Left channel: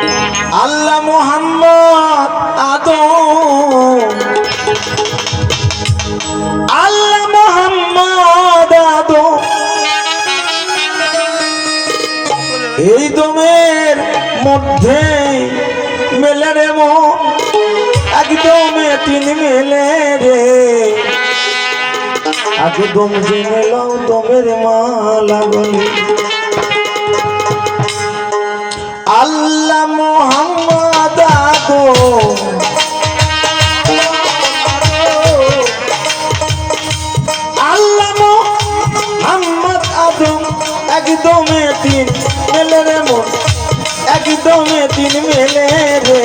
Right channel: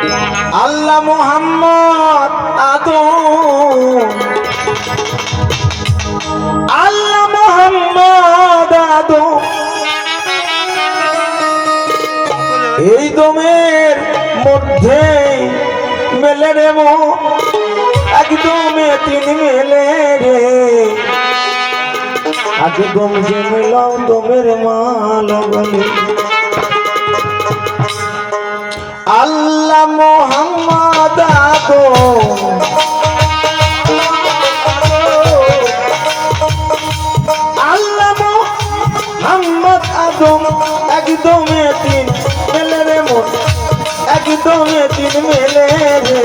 আল্লাহ মোহাম্মদ আদম, আল্লাহ মোহাম্মদ আদম, এই দমের মধ্যে মেলে রে মন, একদমে তিন মেলে রে। আগে দম জেনে লাও দমের মালা বলে আল্লাহ মোহাম্মদ আদম, আল্লাহ মোহাম্মদ আদম, একদমে তিন মেলে রে মন, একদমে তিন মেলে রে।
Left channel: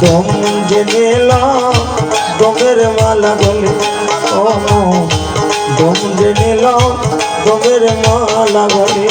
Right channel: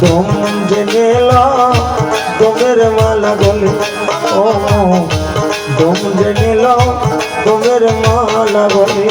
দম জেনে লাও দমের মালা গলে, ও দম জেনে লাও দমের মালা গলে।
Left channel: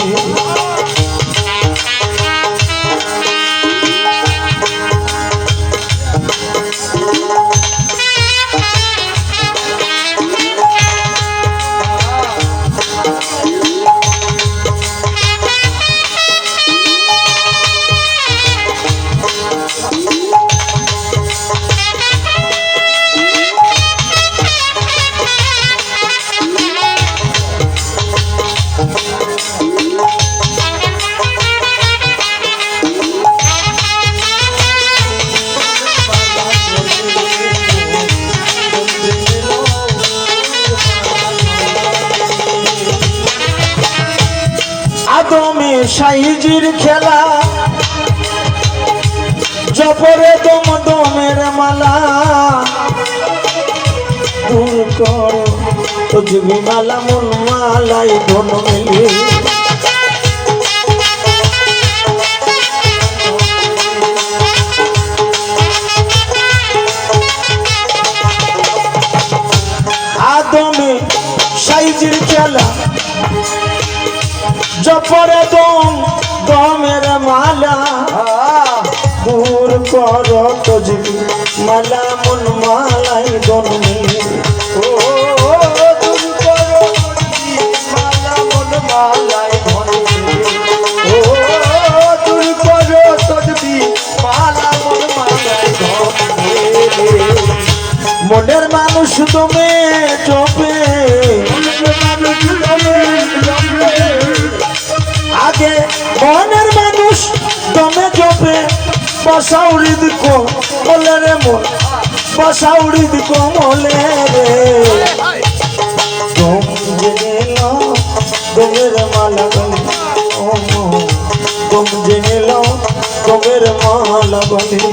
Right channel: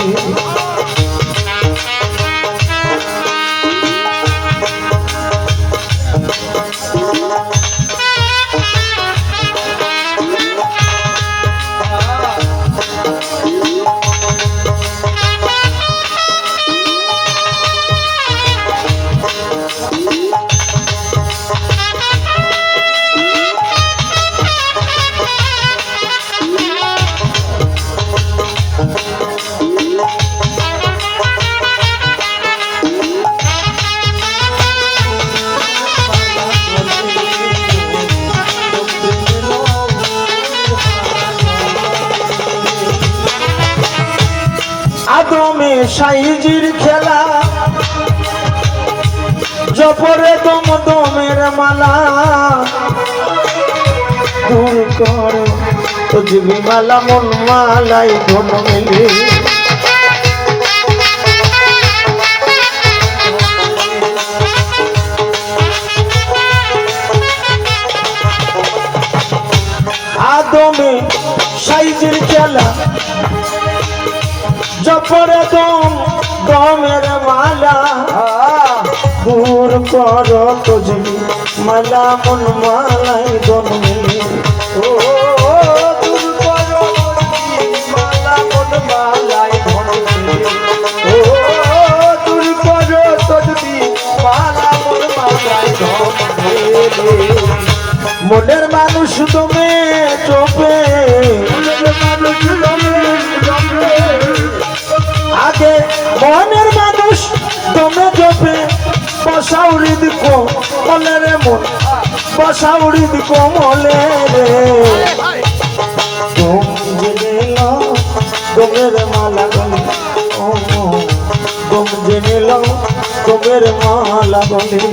আদমে সাইজির খেলা, জপরে দম দমের মালা, দূর কর তুজবি মালা মন মালাই ধন মেলে। আদমে সাইজির খেলা, জপরে দম দমের মালা, দূর কর তুজবি মালা মন মালাই ধন মেলে। ও দূর কর মালা মন মালাই ধন মেলে, ও দূর কর তুজবি মালা মন মালাই ধন মেলে। মনের মানুষ তুমি চোপে, আগে মনের মানুষ দমে জপে, বসাউড়ি দিকো মলে রে মন, বসাউড়ি দিকো মলে রে। দম জেনে লাও দমের মালা গলে, ও দম জেনে লাও দমের মালা গলে।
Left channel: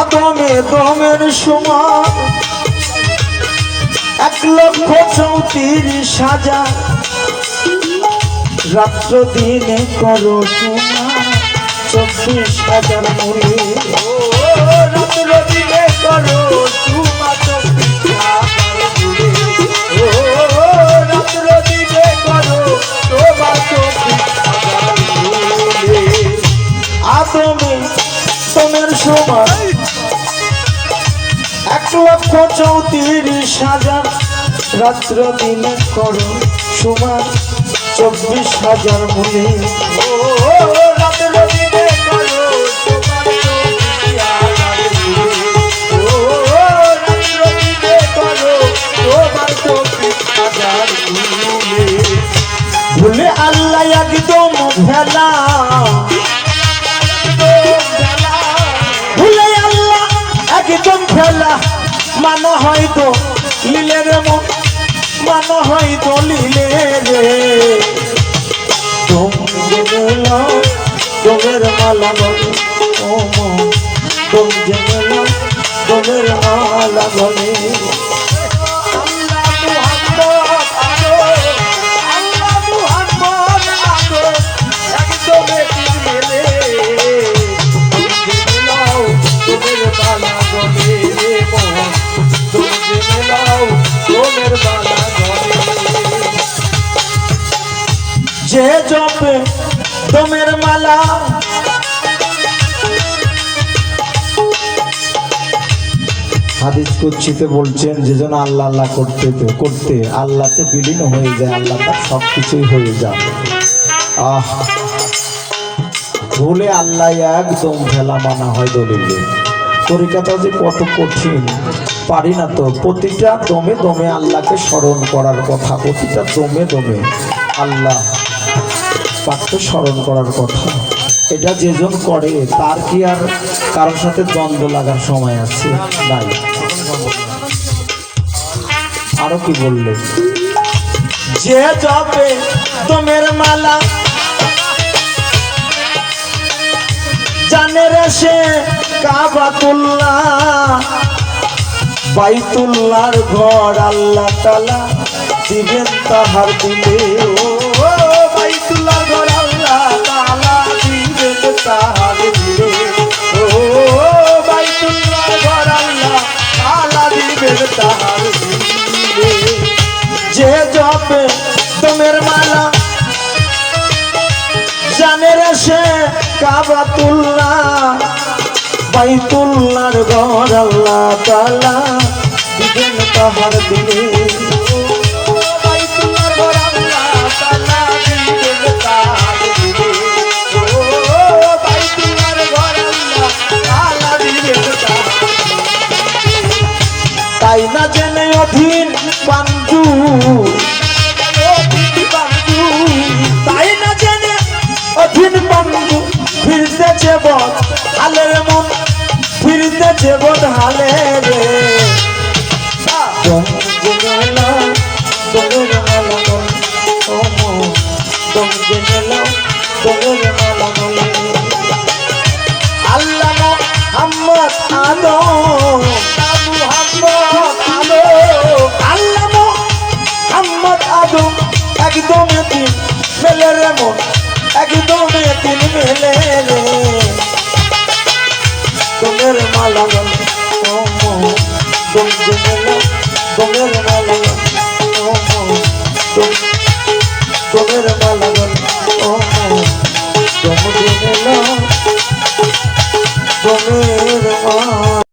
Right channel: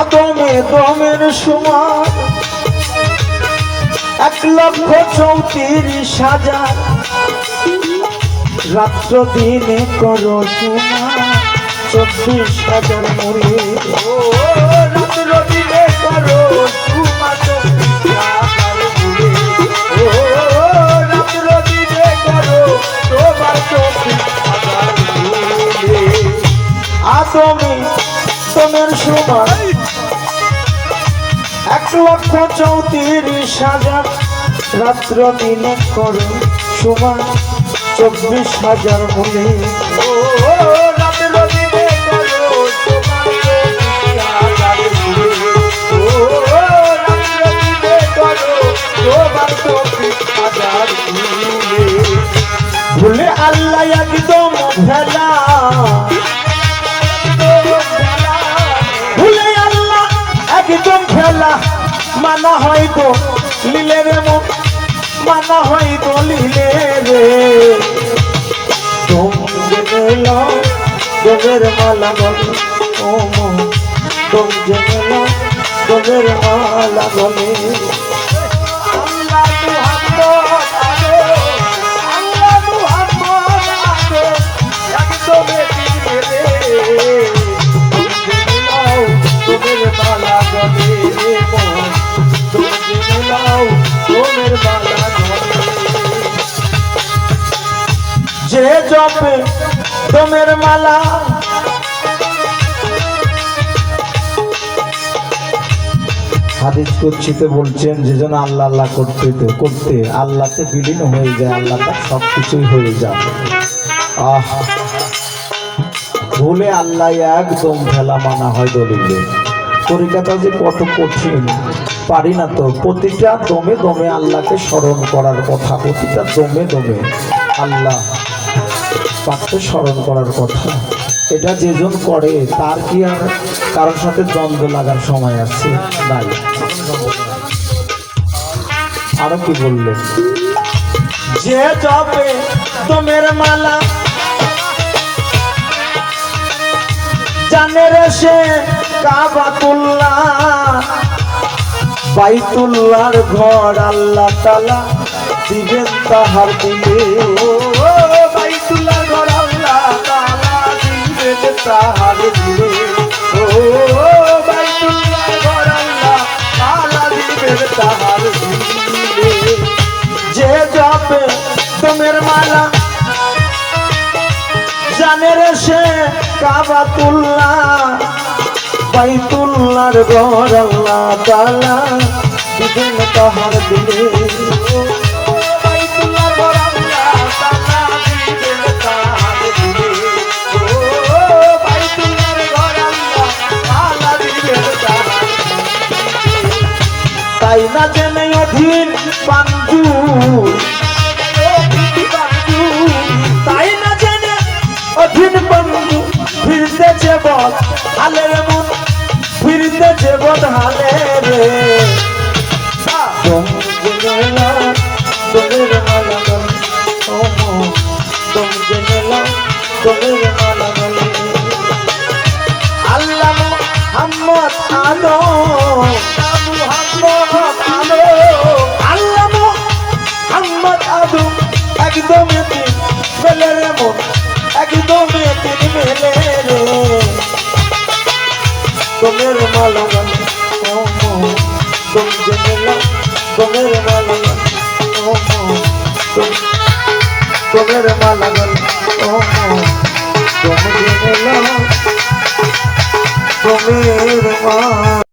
আদমে দমের সমান 1,34,000, রাত্র দিনে করো সমান 24,000 মূলে। রাত্র দিনে করো সমান 24,000 মূলে, ও রাত্র দিনে করো সমান 24,000 মূলে। আদমে দমের সমান 1,34,000, রাত্র দিনে করো সমান 24,000 মূলে। ও রাত্র দিনে করো সমান 24,000 মূলে, ও রাত্র দিনে করো সমান 24,000 মূলে। ভুলে আল্লাহ একদম ভেলা, ভুলে আল্লাহ একদম ভেলা, মানা হয়তো লীলে রে মন, মানা হয়তো লীলে রে। দম জেনে লাও দমের মালা গলে, ও মন तुम जमलो तुम्हें माला गले जे जपे तुम्हें माला হাদিস কুদসিতে বলছেন যে জন আল্লাহ আল্লাহ করতে আল্লাহতে বিলীন হয়ে যায়, আল্লাহ তার সব কিছুই হয়ে যায়। ভুলে আল্লাহ একদম ফেলা মানা হয় দলিলে। তরিকাটা যে কত কঠিন পারি না তো। প্রতিটা দমে দমে আল্লাহকে স্মরণ করার কথা, প্রতিটা দমে দমে আল্লাহ পাককে স্মরণ করার কথা। এটা যেজন করে তার কি আর কারোর সাথে দ্বন্দ্ব লাগার সময় আছে? নাই। আরো কি বললে, যে জপে তোমের মালা জানে রে সে কাবাতুল্লাহ, বাইতুল্লাহর ঘর আল্লাহ তাআলা দিবেন তাহার দিলে। ও বাইতুল্লাহর ঘর আল্লাহ তাআলা দিবেন তাহার দিলে। ও বাইতুল্লাহর ঘর আল্লাহ তাআলা দিবেন তাহার দিলে। যে জপে তোমের মালা জানে রে সে কাবাতুল্লাহ, বাইতুল্লাহর ঘর আল্লাহ তাআলা দিবেন তাহার দিলে। বাইতুল্লাহর ঘর আল্লাহ তাআলা দিবেন তাহার দিলে। ও বাইতুল্লাহর ঘর আল্লাহ তাআলা দিবেন তাহার দিলে। তাই না জেনে অধীন পাঞ্জু, তাই না জেনে অধীন পাঞ্জু ফিরতেছে বল হালের মন, ফিরতেছে বল হালে রে। আল্লাহ মুহাম্মদ আদম, আল্লাহ মুহাম্মদ আদম একদম তিন মেলে রে মন, একদম তিন মেলে রে। তোমের মালা গল ও মন, তুম জেনেলা তোমের মালা গল ও মন, তোমের মালা গল ও মন, তুম জেনেলা তোমের মালা।